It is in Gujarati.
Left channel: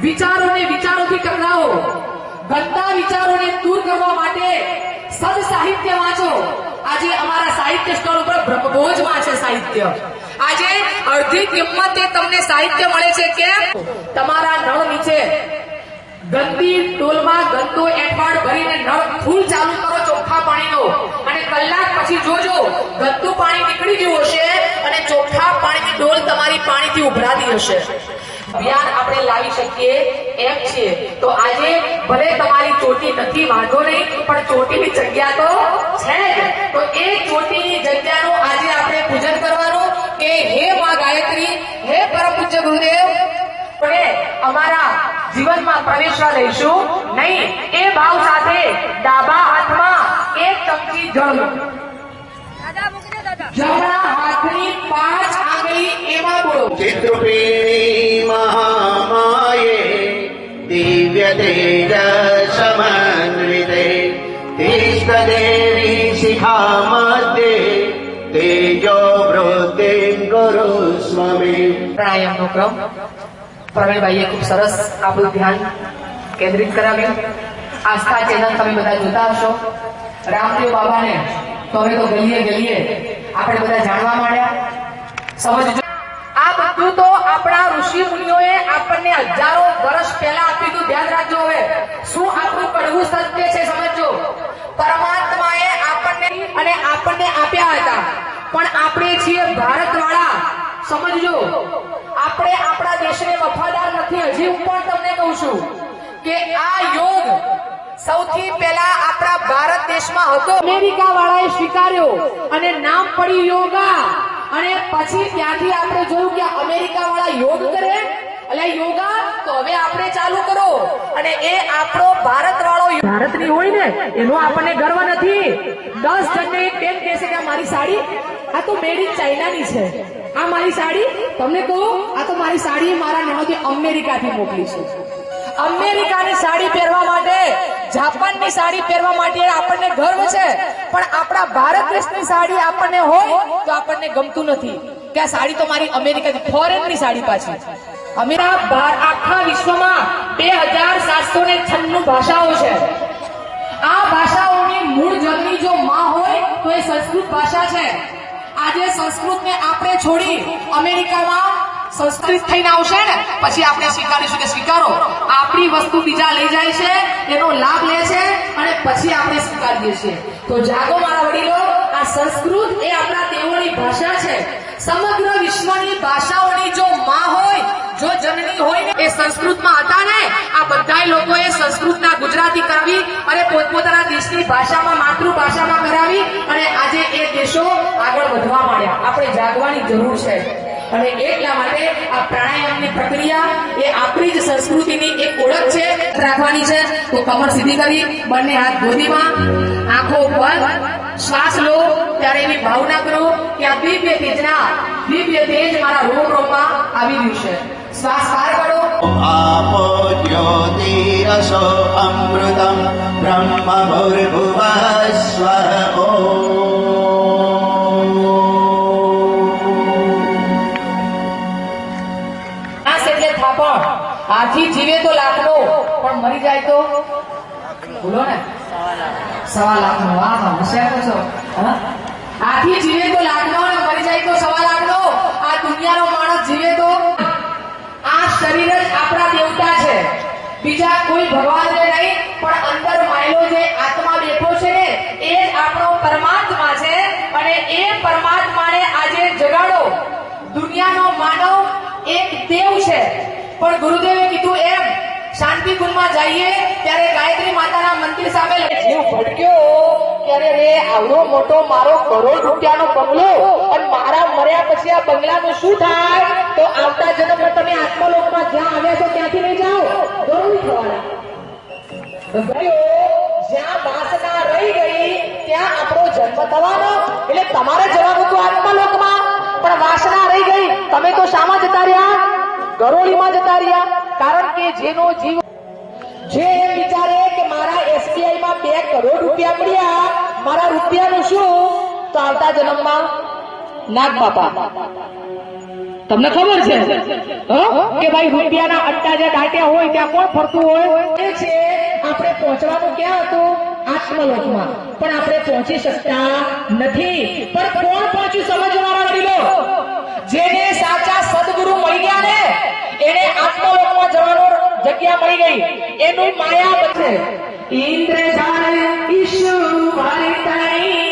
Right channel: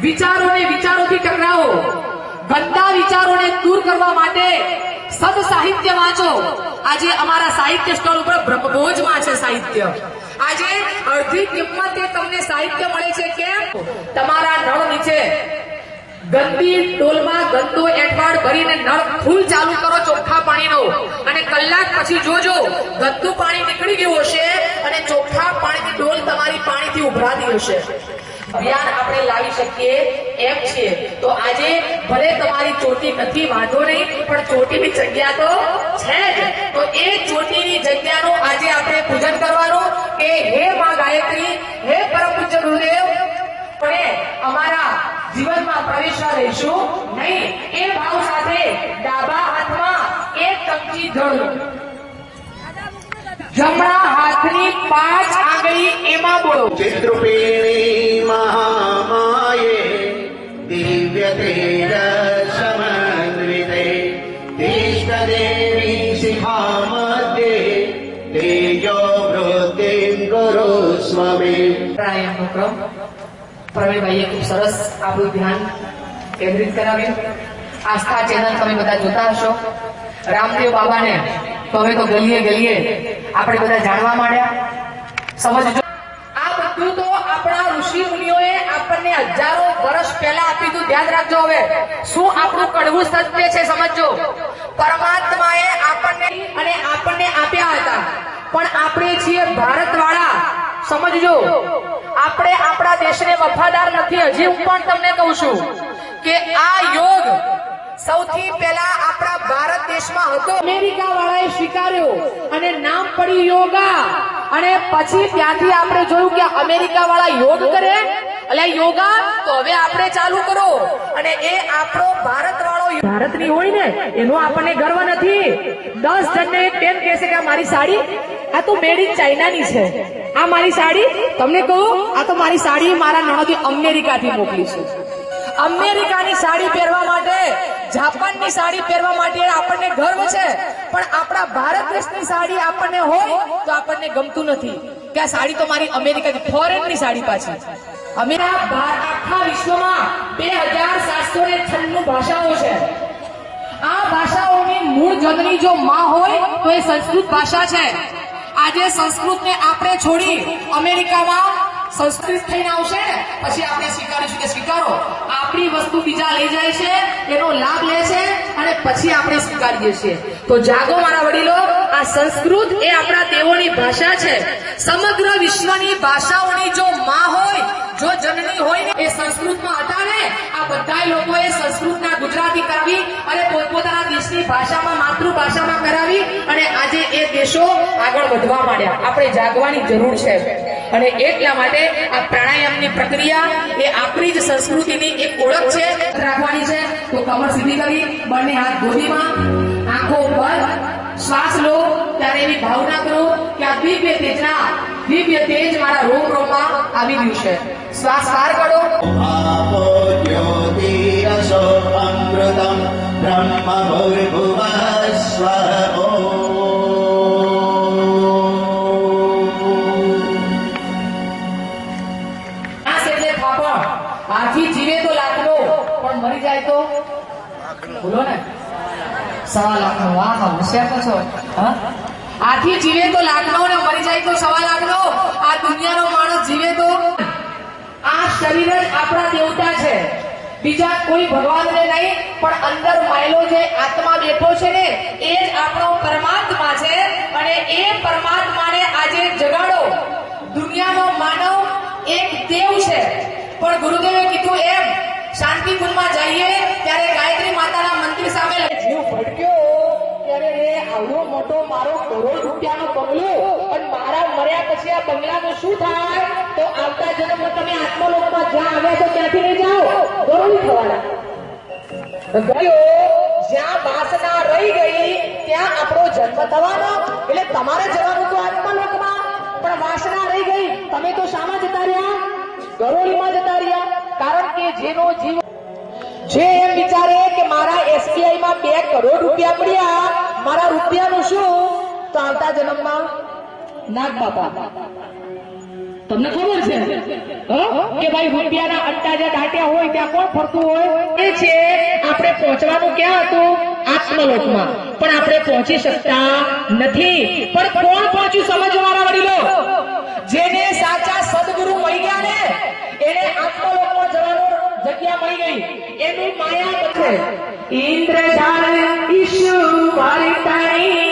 વિચારોને વિચારોથી ટકરાવો, ગંદા વિચારોને દૂર કરવા માટે સદ સાહિત્ય વાંચો। આજે અમારા સાહિત્ય સ્ટોલ ઉપર બ્રહ્મભોજમાં છે સાહિત્ય। આજે અડધી કિંમતે તમને સાહિત્ય મળે છે। કેમ? તમારા નળ નીચે ગંદી ડોલમાં ગંદુ એઠવાડ ભરીને નળ ફૂલ ચાલુ કરો ચોખ્ખા પાણીનો, અને કલાક પછી જોજો ગંદુ પાણી નીકળી ગયું હશે અને ચોખ્ખા પાણીની ડોલ તમારી પાણીથી ઉભરાતી હશે। અભિયાન આપણે લાવી શકીએ એમ છે। તો આજે ભલે તમારી ચોટી નથી, વાંધો નહીં, પણ ચોટીની જગ્યા તો છે જ। તો એ ચોટીની જગ્યાનું આજે આપણે પૂજન કરવાનું કે હે માં ગાયત્રી, હે પરમ પૂજ્ય ગુરુદેવ, પણ અમારા જીવનમાં પ્રવેશવા લઈશું નહીં। એ ભાવ સાથે ડાબા હાથમાં એક ચમચી જળ, જમણા હાથની 5 આંગળી એમાં બોલો। चित्रपीणी महामाये दिव्य तेजसमन्विते इष्टदेवी शिखा मध्ये तेजो वृद्धिं कुरुष्व मे। પ્રાણાયામનો ક્રમ પ્રવીણભાઈએ ખૂબ સરસ આપણું ધ્યાન કેન્દ્રિત કરાવ્યું। આસ્થા ચેનલ તમે બધા જોતા હશો। રામદેવ બાબાને તો હવે તો ગલીએ ગલીએ આપણે બધા જાણવા માંડ્યા। સમજજો, આ બધું તો આપણા ઋષિ મુનિઓએ આપણને હજારો વર્ષ પહેલા આપ્યું હતું। ધ્યાન રાખજો। હવે શું આપણું કડવું સત્ય છે સમજો। પરમાત્માએ આપણને આપ્યા હતા, પણ આપણે છીએ ભારતવાળા। સમજજો, આપણે આપણા દેશને વફાદાર નથી। હજી હું પણ તમને કહું છું કે આ યોગ સૌથી પહેલા આપણા ભારત દેશમાં હતો, અમેરિકા વાળાએ સ્વીકાર્યો અને નામ પડ્યું યોગા। અને પછી ત્યાંથી આપણે જોયું કે અમેરિકા વાળા યોગ કરે એટલે યોગા, તો હવે આપણે ચાલુ કરો। અને એ આપણો ભારત વાળો ભારતની હોય ને એનો આપણને ગર્વ નથી। 10 જણને એક બેન કહેશે કે આ મારી સાડી આ તો મેડ ઇન ચાઇનાની છે, આ મારી સાડી તમને કહું આ તો મારી સાડી મારા નણંદે અમેરિકાથી મોકલી છે। અમેરિકાની સાડી પહેરવા માટે, જાપાનની સાડી પહેરવા માટે આપણને ગર્વ છે, પણ આપણા ભારત દેશની સાડી આપણને હોય તો આપણને ગમતું નથી કે આ સાડી તો મારી અમેરિકાની ફોરેનની સાડી પાછી। આખા વિશ્વમાં 2796 ભાષાઓ છે। આ ભાષાઓની મૂળ જનની જો માં હોય તો એ સંસ્કૃત ભાષા છે। આજે સંસ્કૃતને આપણે છોડી અમેરિકામાં સંસ્કૃત થઈને આવશે ને પછી આપણે સ્વીકારીશું કે સ્વીકારો। આપણી વસ્તુ બીજા લઈ જાય છે, એનો લાભ લે છે અને પછી આપણે સ્વીકારીએ છીએ। તો જાગો મારા વડીલો, આ સંસ્કૃત એ આપણા દેવોની ભાષા છે। સમગ્ર વિશ્વની ભાષાઓની જો માં હોય, જો જનની હોય ને, એ સંસ્કૃતમાં હતા ને। આ બધા લોકોએ સંસ્કૃતના ગુજરાતી કરાવી અને પોતપોતાના દેશની ભાષામાં, માતૃભાષામાં કરાવી અને આજે એ દેશો આગળ વધવા માંડ્યા। આપણે જાગવાની જરૂર છે। અને એટલા માટે આ પ્રાણાયામની પ્રક્રિયા એ આપણી જ સંસ્કૃતિની એક ઓળખ છે, રાખવાની છે। તો કમર સીધી કરી, બંને હાથ ગોદીમાં, આંખો બંધ, શ્વાસ લો ત્યારે એવી ભાવના કરો કે આ દિવ્ય તેજ મારા રોમ રોમમાં આવી રહ્યું છે। શ્વાસ બહાર કાઢો। आपो ज्योतिरसो अमृतम् ब्रह्म भूर्भुवः स्वः હાથી જીવે તો લાખનો, પણ મરી જાય તો બોલો ને 1.25 લાખનો। વાહ, હોશિયાર તો છો। હાથી જીવે તો લાખનો ને મરી જાય તો 1.25 લાખનો। આ દુનિયાનો માણસ જીવે તો, આ શરીર જ આપણા દેવતા છે, બીજા કોઈ ભગવાનને નહીં, પણ અંદર માયલો જે આત્મા બેઠો છે ને એ જ આપણો પરમાત્મા છે। અને એ પરમાત્માને આજે જગાડો। દુનિયાનો માનવ એક દેવ છે, પણ ગુરુદેવે કીધું એમ શાંતિ કુંડમાં જઈએ ત્યારે ગાયત્રી માતાના મંદિર સામે જીવ ભટક્યો ત્યારે રે આવડો મોટો મારો કરોડ રૂપિયાનો બંગલો, અને મારા મર્યા પછી આ બંગલાનું શું થાય? તો આવતા જન્મમાં તમે આત્મલોકમાં જ્યાં આવ્યા છો ત્યાંથી લઈ જાઓ, ગૌરવી થવાના। જ્યાં વાસના રહી ગઈ ત્યાં આપણો જન્મ થવાનો, એટલે તમારે જવાનું તો આત્મલોકમાં, પણ વાસના રહી ગઈ, તમે તો શામાં જતા રહ્યા? ગરોળીમાં જતા રહ્યા। કારણ કે જેનો જીવ જે એમ વિચારે કે મારા SBI માં 2 કરોડ રૂપિયા પડ્યા, મારા રૂપિયાનું શું? તો આવતા જન્મમાં નાગ બાપા તમને ખબર છે કે ભાઈ રૂપિયાના અડ્ડા જ્યાં દાટ્યા હોય ત્યાં કોણ ફરતું હોય? એ છે આપણે પહોંચવાનું ક્યાં હતું? આત્મલોકમાં. પણ આપણે પહોંચી શકતા નથી. પણ કોણ પહોંચ્યું? સમજવાના વડીલો. જેને સાચા સદગુરુ મળી ગયા ને એને આત્મલોકમાં જવાનું જગ્યા મળી ગઈ. એનું માયા બચે. ઇન્દ્રજાલ ઈશુ વાર્તાની